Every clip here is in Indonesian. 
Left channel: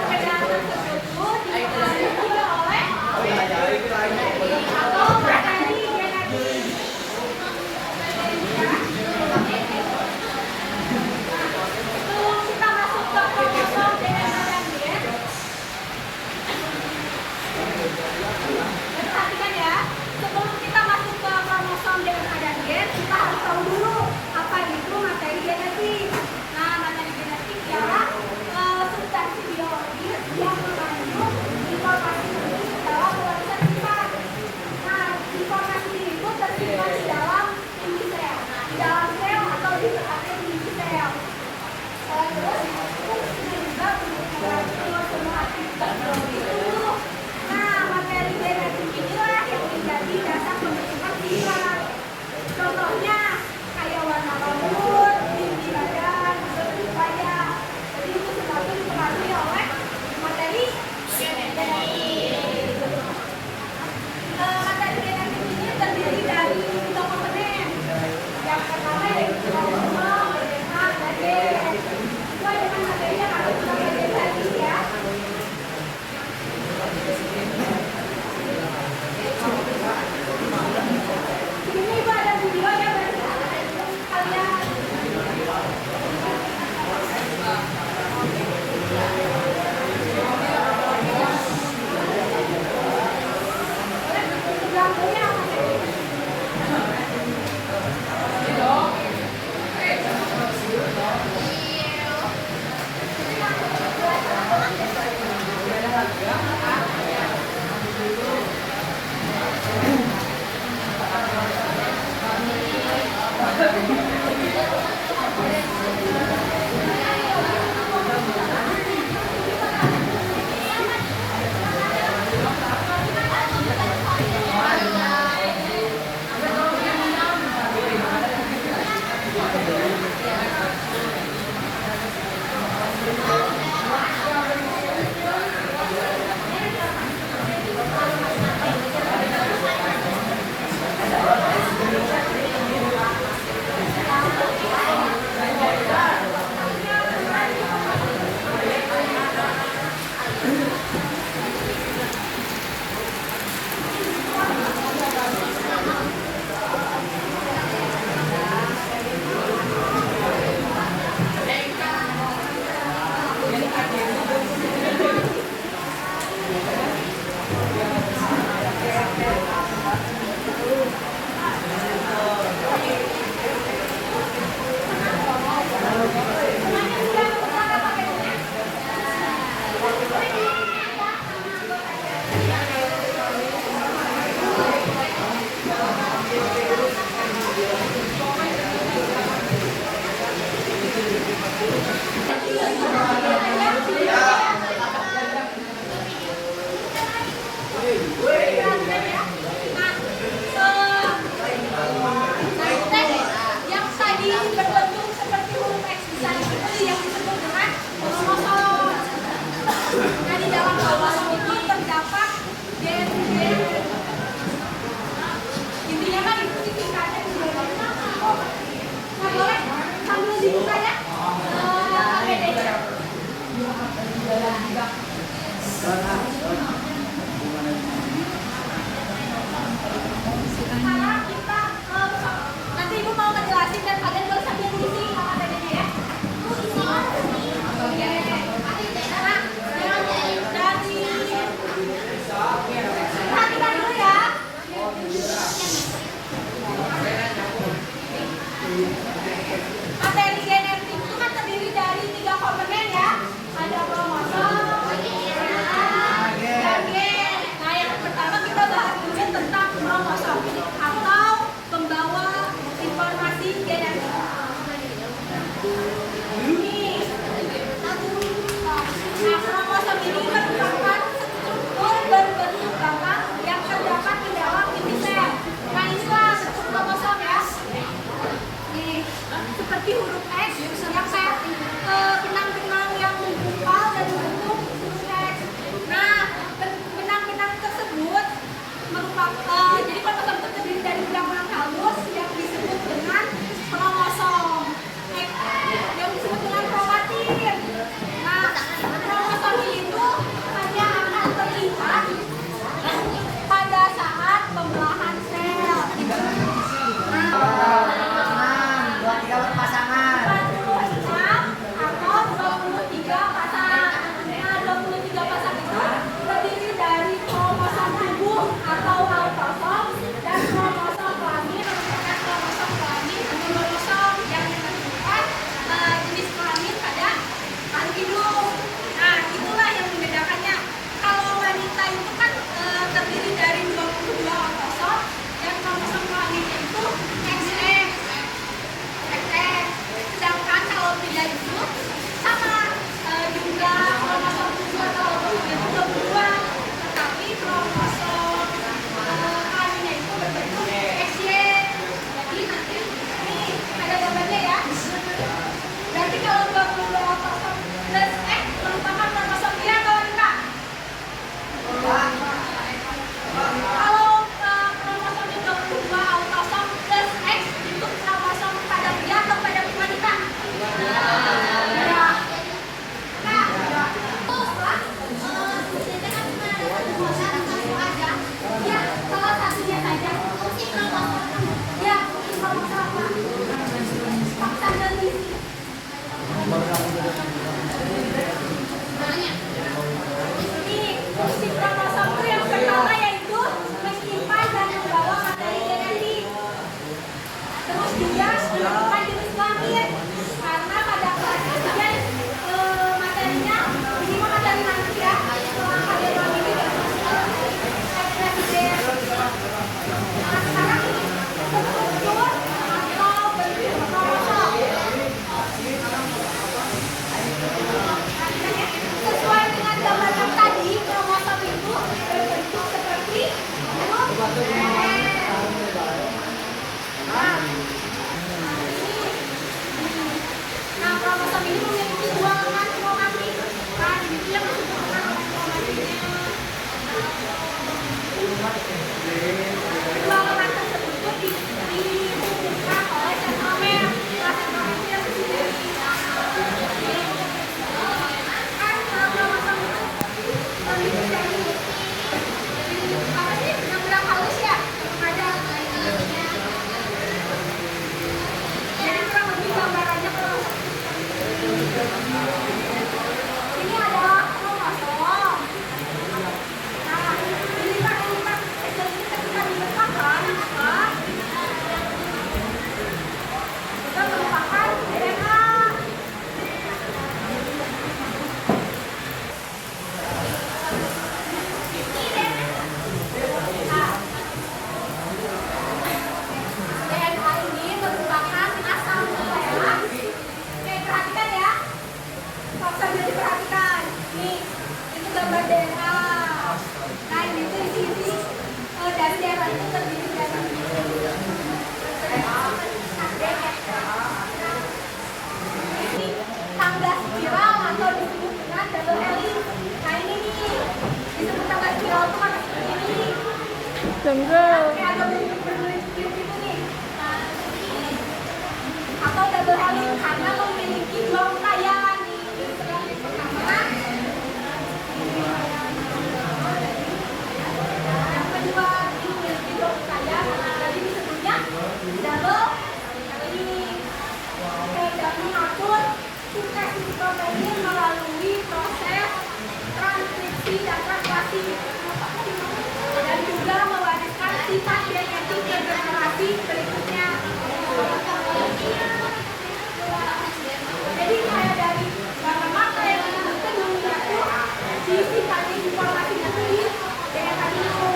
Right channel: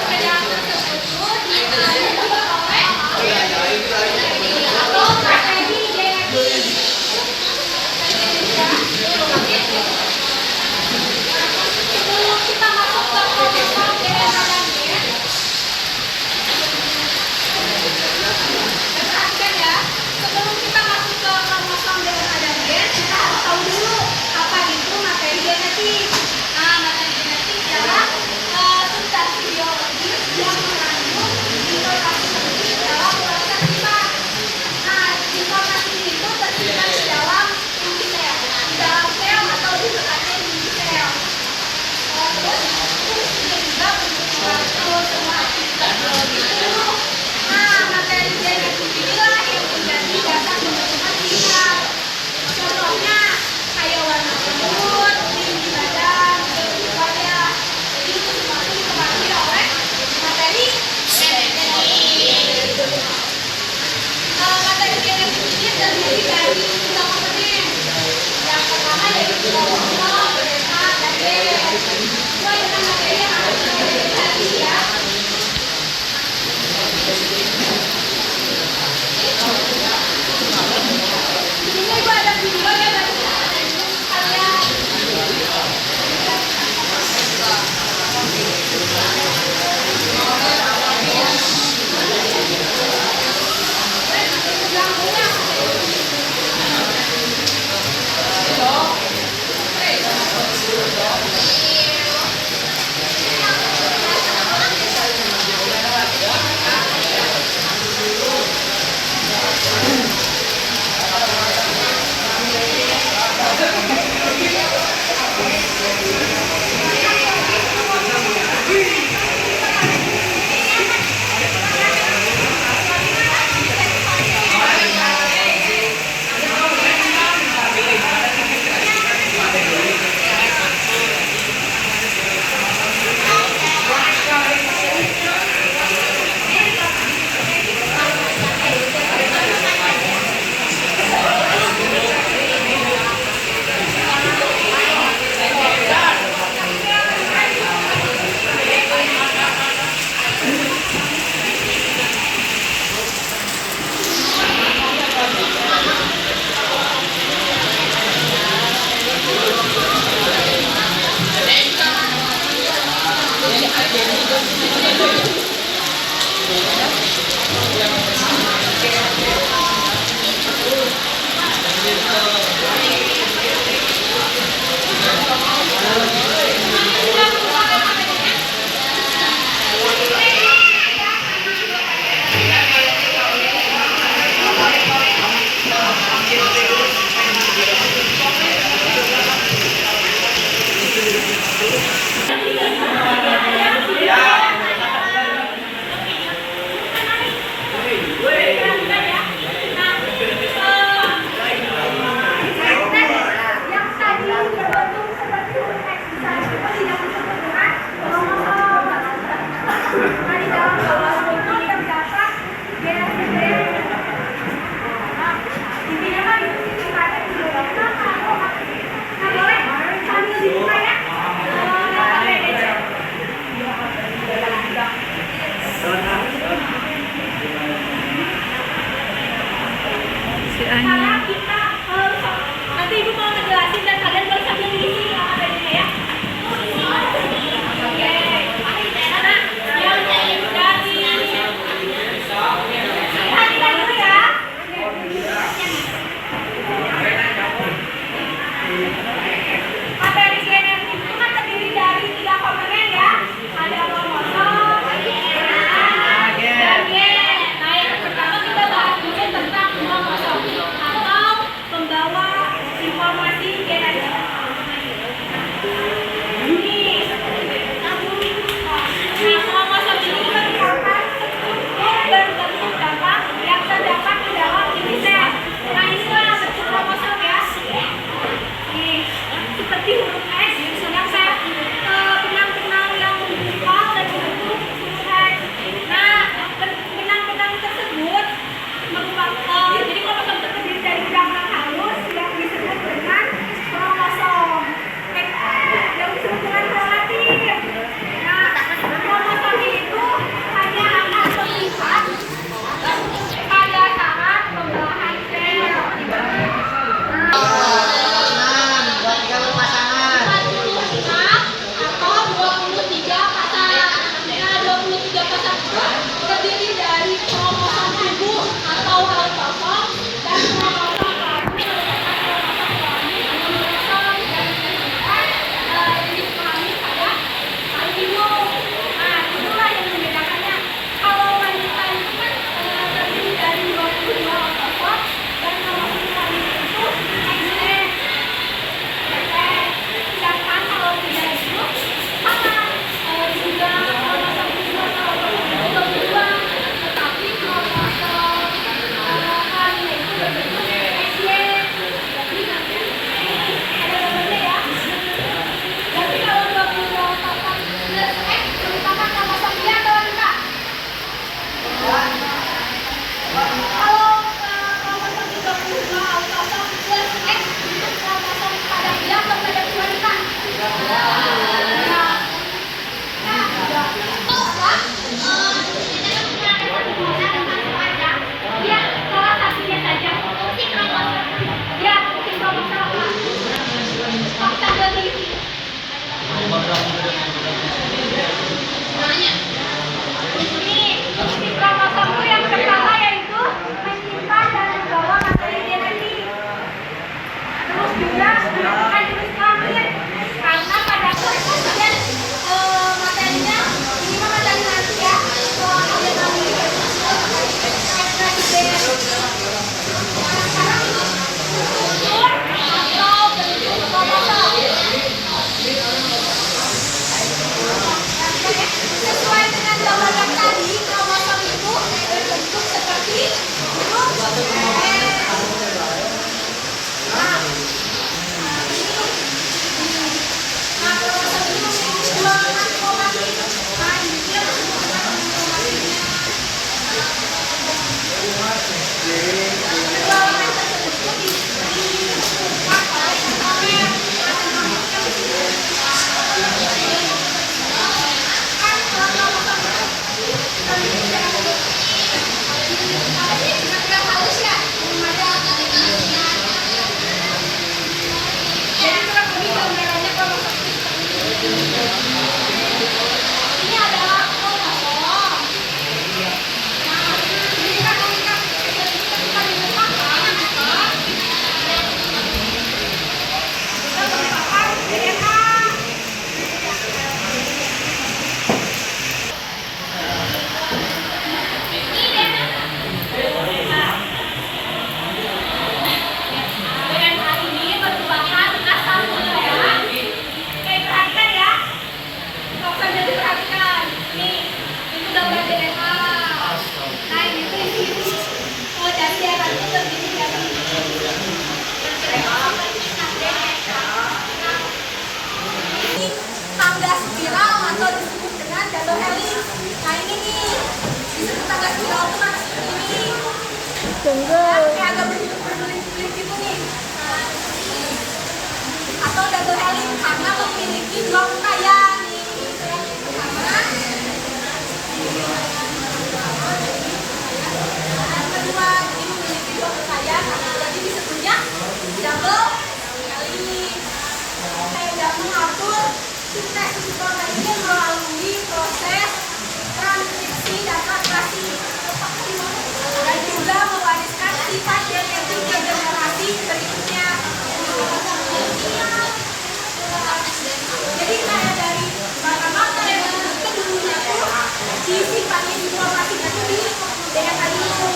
Perbedaan tersebut dipengaruhi oleh atau materi genetik. Sebelum kita masuk ke kromosom DNA dan gen, perhatikan ya. Sebelum kita masuk ke kromosom DNA dan gen, kita harus tahu dulu apa itu materi genetik. Nah, materi genetik adalah substansi biologis yang mengandung informasi penting dalam proses primat. Nah, informasi itu tersimpan di dalam inti sel, di dalam sel atau di tekanan inti sel. Terus fungsinya juga untuk mengatur semua aktivitas biologis tubuh. Nah, materi genetik inilah yang menjadi dasar pembentukan primat. Contohnya kayak warna rambut, tinggi badan, bentuk wajah. Jadi itu semua itu dipengaruhi oleh materi genetik. Materi genetik ini terdiri dari 3 komponen. Yang pertama yaitu kromosom, DNA, dan gen. Sesuai dengan materi yang akan kita pelajari hari ini ya. Di sini Ibu ada video ya bagi kalian. Yang tadi berbentuk seperti huruf X bisa double helix. Nah ini nih disebut tangga spiral tuh karena seperti ini. Tunggu. Kayak agak berbelit-belit gitu nih. Atau double helix karena memiliki dua rangkaian. Nih ini yang pertama. Yang kedua ini memiliki dua rangkaian. Jadi disebutnya double helix. Dapat mengatur sintesis protein melalui proses transkripsi dan translasi dan juga mewariskan sifat genetik ke generasi berikutnya. Jadi kayak dari mata yang disebutkan dulunya tuh si sifatnya informasinya tuh di DNA dulu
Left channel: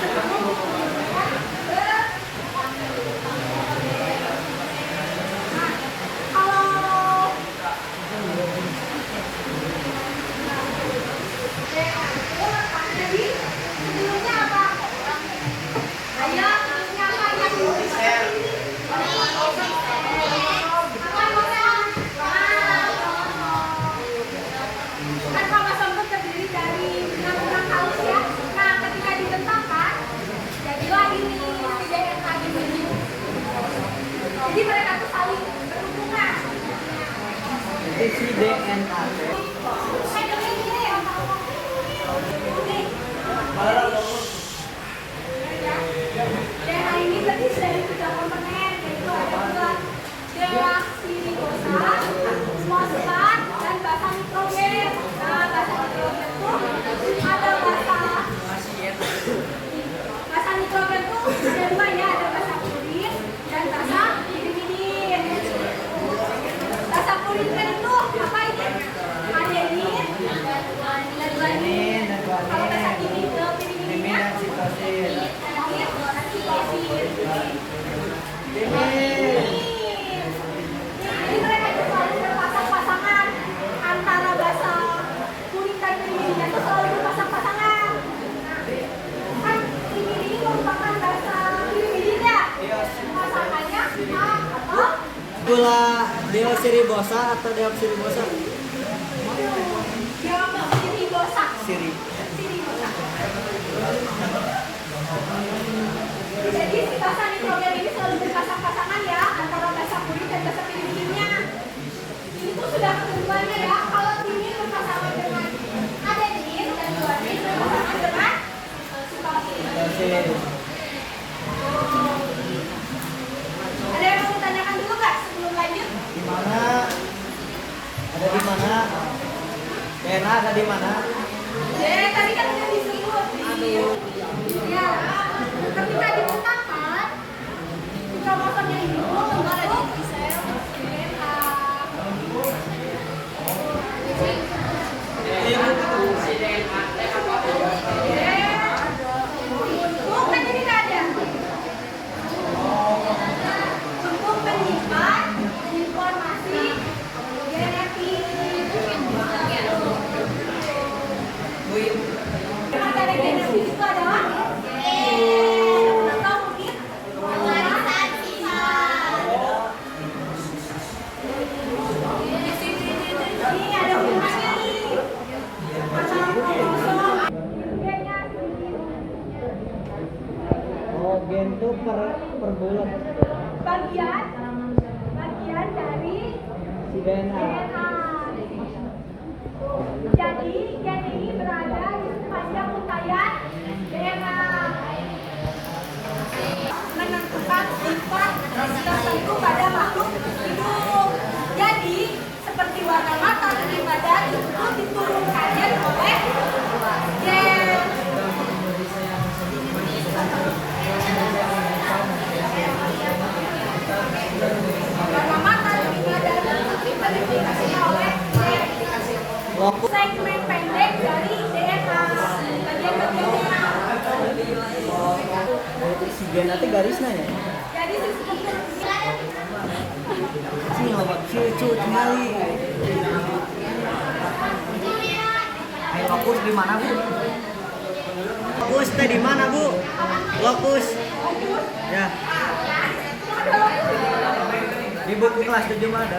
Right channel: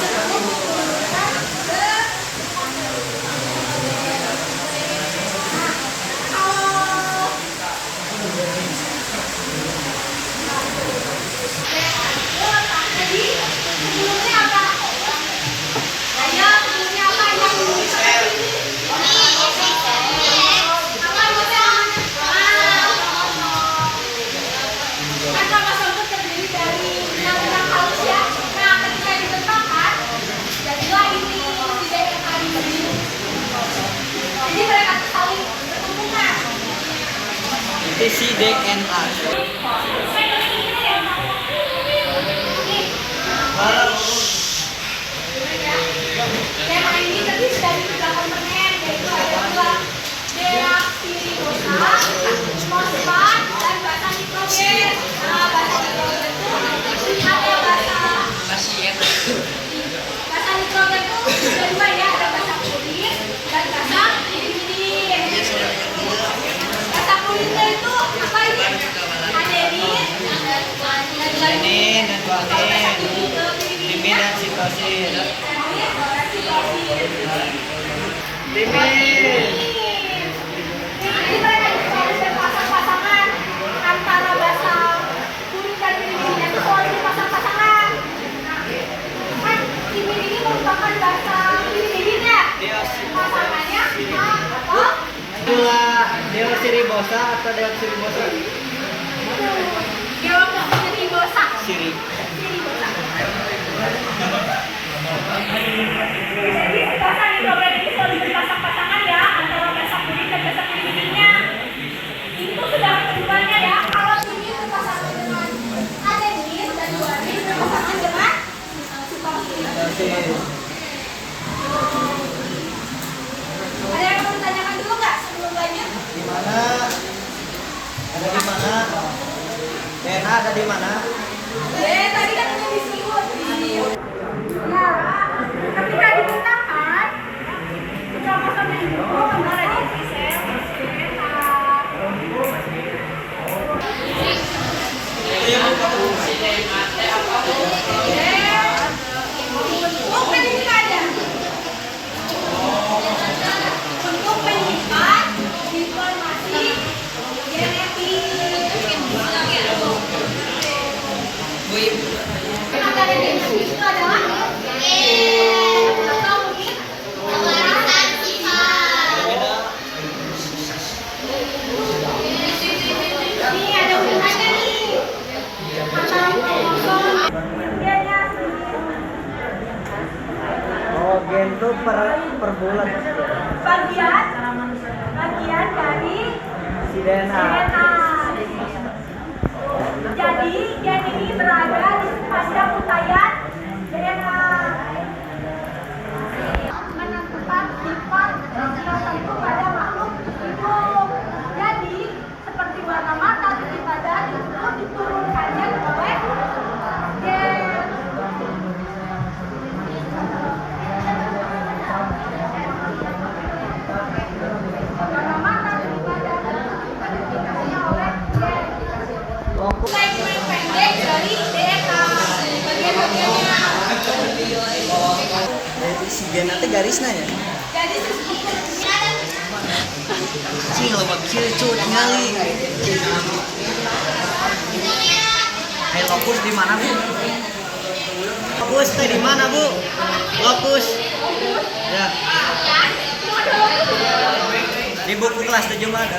sebelum diturunkan ke jadi sebelumnya apa? Ayo sebelumnya apa yang seperti ini? Apa itu kan kromosom itu terdiri dari benang halus ya. Nah ketika dibentangkan jadilah ini si DNA ini. Jadi mereka tuh saling berhubungan. Itu si DNA. Tema ini terdiri dari 3 komponen, yaitu ada 2 deoksiribosa, fosfat, dan basa nitrogen. Nah, basa nitrogen itu ada basa nitrogen itu ada 2 ya, ada basa kulit dan basa pirimidin. Basa kulitnya itu apa ini? Adenin dan guanin. Kalau basa pirimidin dan sitosin. Jadi mereka itu selalu berpasang-pasangan antara basa kulit dan pirimidin itu selalu berpasang-pasangan. Kan pirimidin ini merupakan basa pirimidin ya? Pasangannya atau Pula deoksiribosa atau deoksiribosa? deoksiribosa. Siri. Jadi basa nitrogen ini selalu berpasang-pasangan ya antara basa kulit dan basa pirimidinnya. Itu sudah keduanya ya. Kalau ini berpasangan dengan adenin dan guanin berpasangan dengan sitosin. Ada yang mau ditanyakan dulu nggak sebelum lanjut? Di mana? Ada di mana? DNA ada di mana? Ya, tadi kan udah disebut ya, ketika dibentangkan kromosom yang itu ada di inti sel DNA. Bentuk kan ini ada bentuk penyimpanan informasi genetik. Materi genetik itu adalah atau mungkin pewarisan sifat. Ini ada hubungannya nih antara kromosom gennya Oh, gen tuh per bulan. bagian dari Si DNA. DNA. Jadi gen ini berada di sepanjang untayan DNA. Menentukan sifat tertentu pada makhluk hidup. Jadi seperti warna mata dan badan itu diturunkannya oleh gen. Warna mata dan badan dikasihnya oleh gen. Segmen pendek dari DNA bagian-bagiannya. Si gen nanti garisnya ya? Jadi struktur Si lebat cut ngali. Ayo fokus di mana, Bu? Fokus teh di mana, Bu? Fokus. Ya. Di buku kelas 7 ada.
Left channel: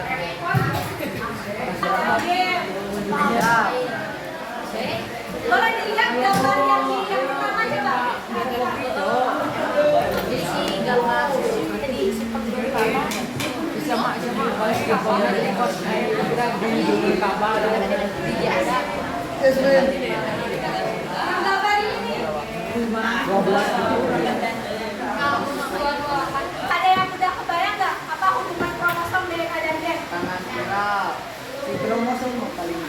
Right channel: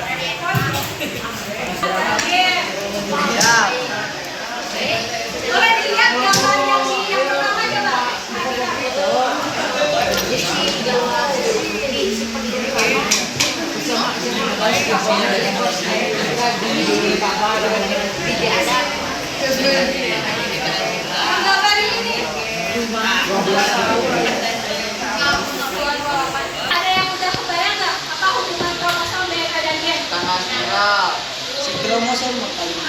gen. Ya. Ada yang udah kebayang nggak apa hubungan kromosom dengan badan gen? Si kromosom paling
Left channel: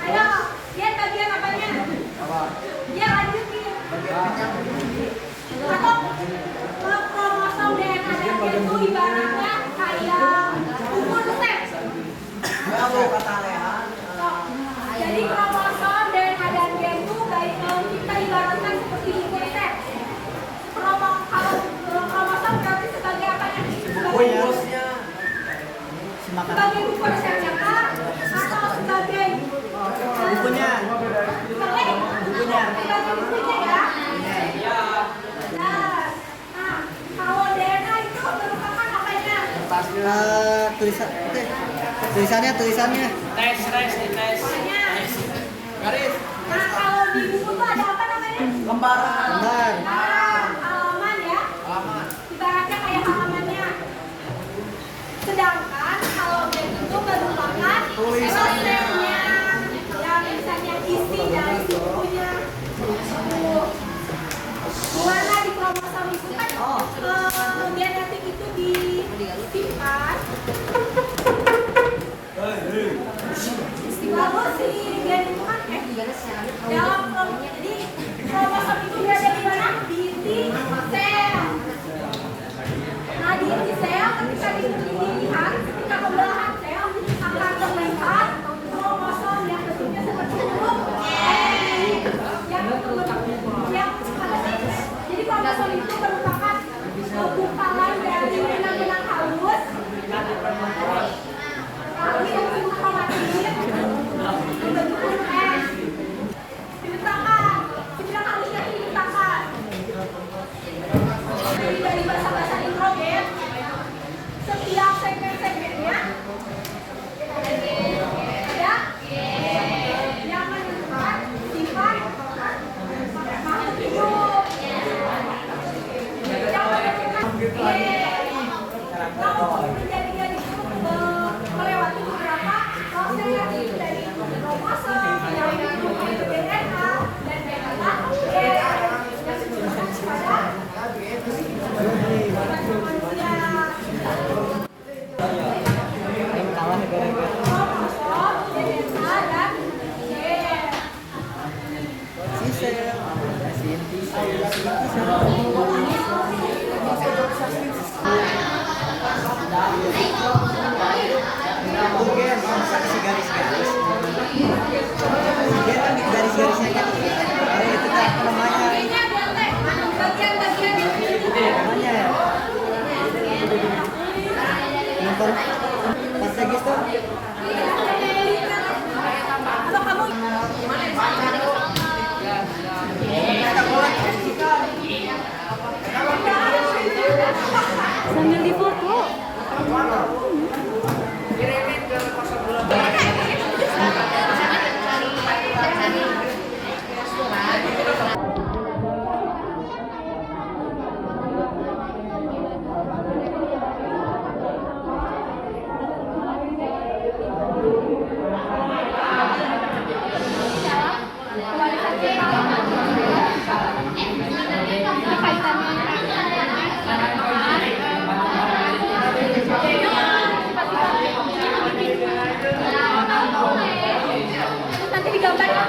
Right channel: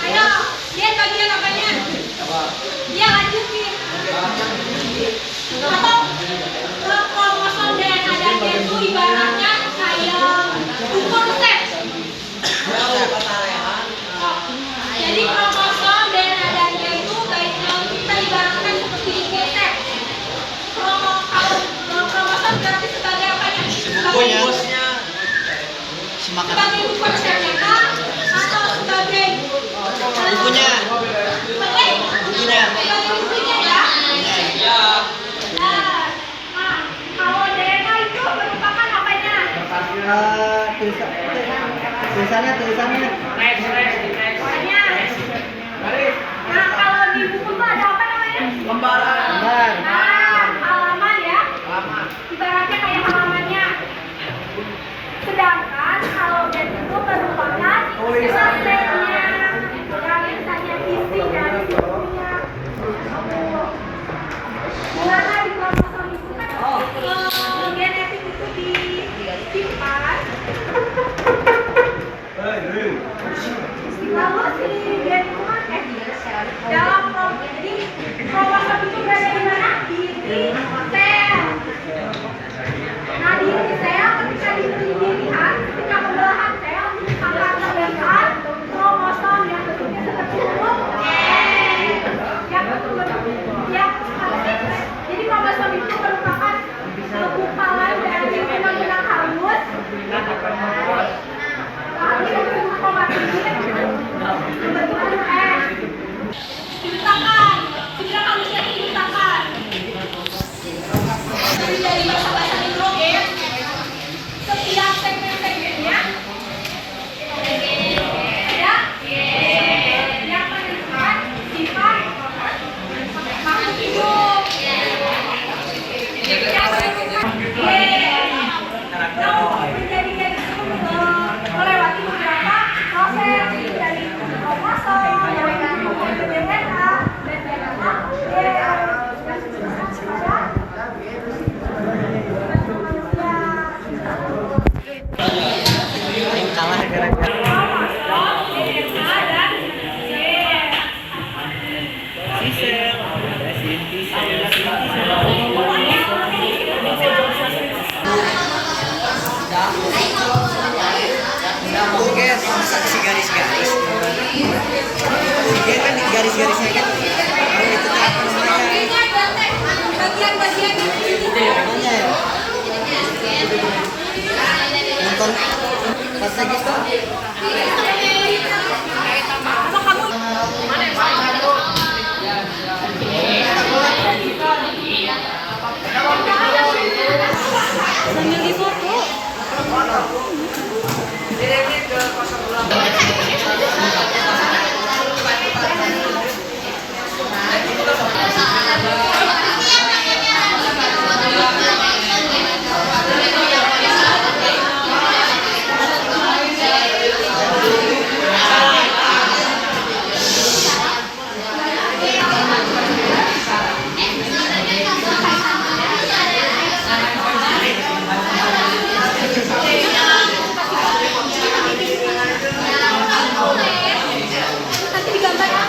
Ayo, gen bagian apanya? Dia lanjutin. Atau kromosom DNA dan gen itu ibaratnya kayak ukur set. Jadi kromosom DNA dan gen itu baiknya kita ibaratkan seperti ukur set. Kromosom berarti sebagai apanya? Sebagai ukur setnya kah? Atau sebagai bukunya. sebagai buktinya ya? Nah, kalau DNA itu merupakan apanya? Tulisannya Apanya? Nah, kalau di buku itu ada apa namanya? lembar. Nah, halaman ya? Ibaratnya kayak halamannya. Sedangkan kalau gen itu merupakan selnya dan misalnya isi dari bukunya. Gimana di kromosom itu kan genetik itu disimpan. Lalu si gen itu kan dalam jadi kromosom itu berada di mana? Di inti sel. Nah di inti sel ketika dilihat, ketika pembelahan sel akan terdapat kromosom yang bentuknya seperti huruf jadi kromosom itu merupakan gumpalan dari benang-benang halus yang disebut kromatin berbentuk S. Dibentangkan, benang halusnya dibentangkan. Jadi dari bahasa nitrogen, setiap segmen-segmennya ada yang menentukan sifat makhluk hidup. Menjadikan itu melewati beberapa proses dari kromosom, dari DNA dan DNA pada manusia. Yang kalah gara-gara Kromosom, DNA dan gen. Oke, si garis-garis. Dia kan di garis-garisnya kan. Itu kan namanya. Bagian-bagian Namanya ya. Nonton strategis kok. atau kamu sambil difoto. Nanti digambar ya.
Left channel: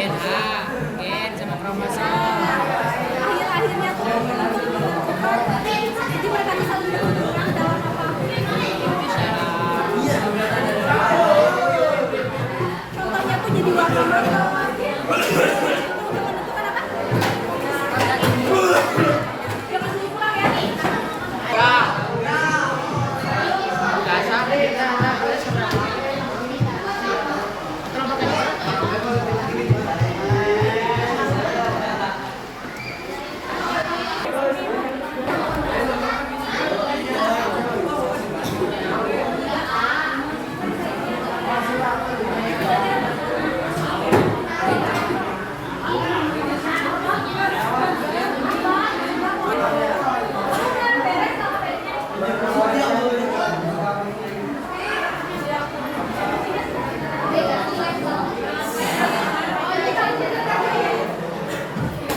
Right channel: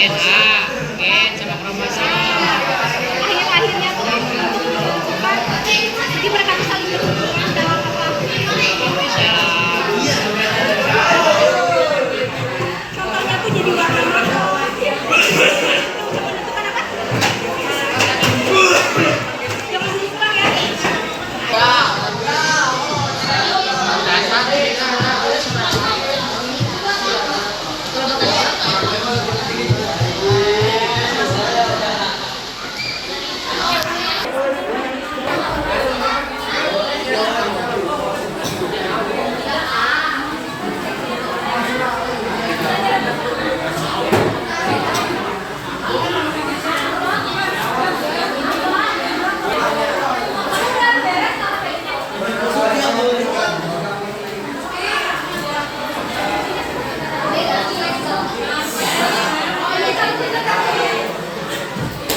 DNA, gen sama kromosom. Akhir-akhirnya tuh untuk menentukan jadi mereka tuh saling berhubungan dalam apa? Bisa Contohnya tuh jadi warna-warna. Untuk menentukan apa?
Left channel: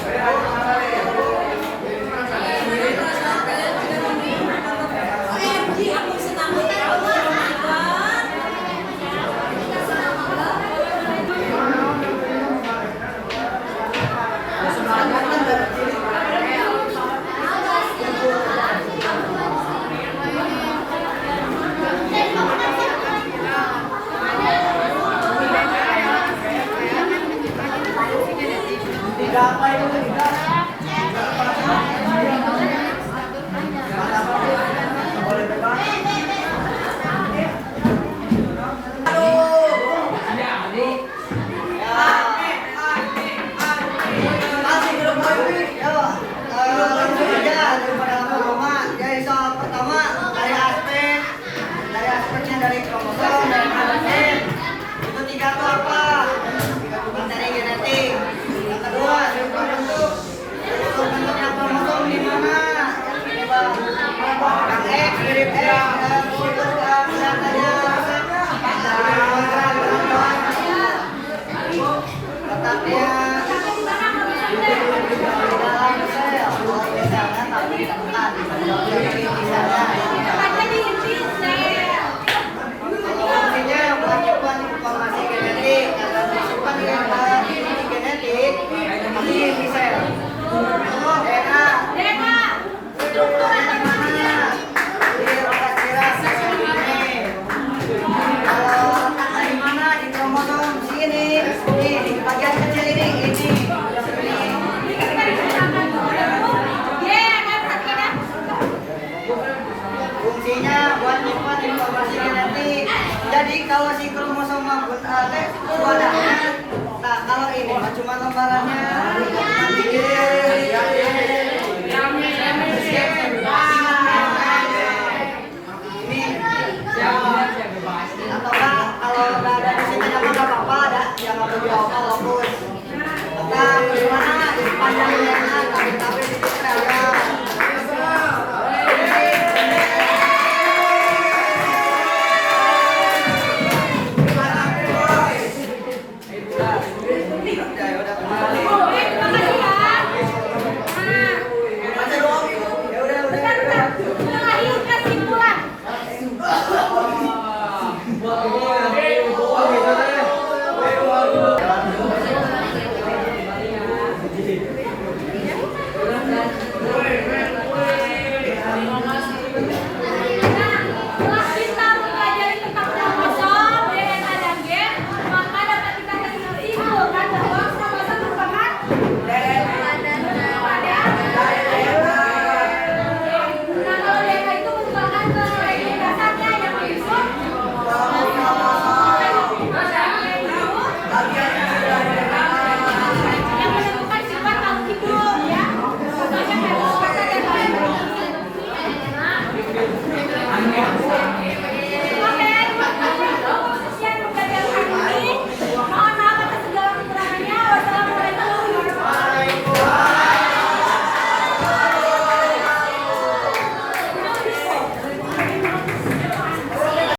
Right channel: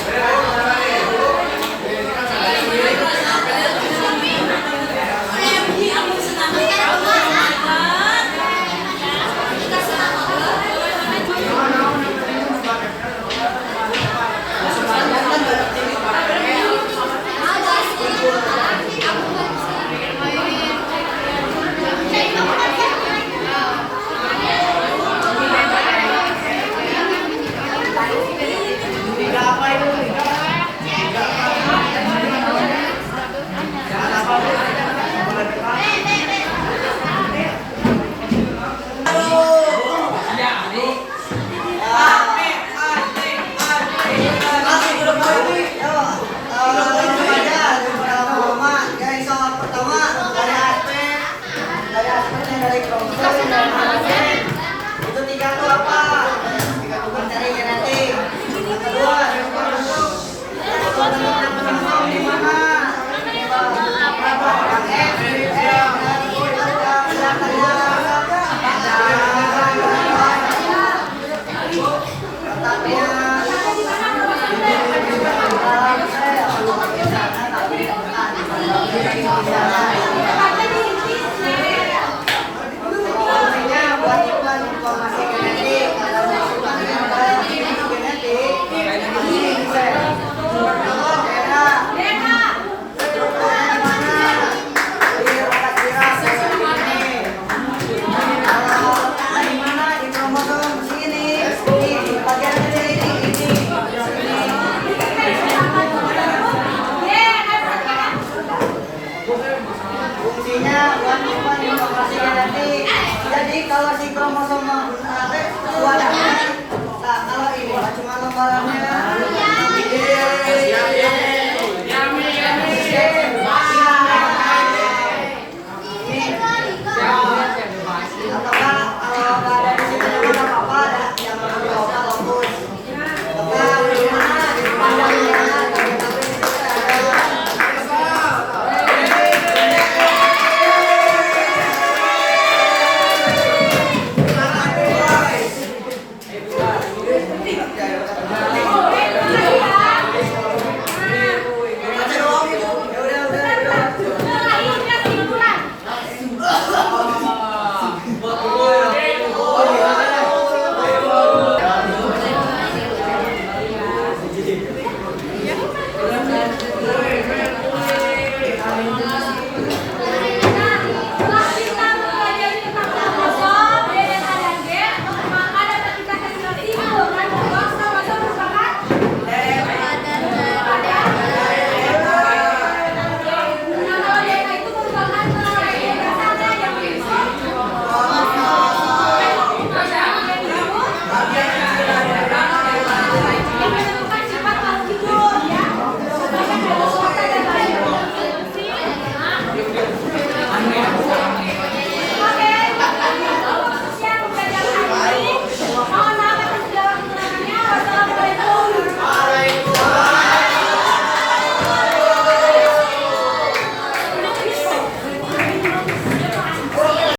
Jangan kurang ya. Fungsinya buat nyimpan informasi genetik. Jadi kalau si kromosom suaranya, nah kalau ini cuma lembarannya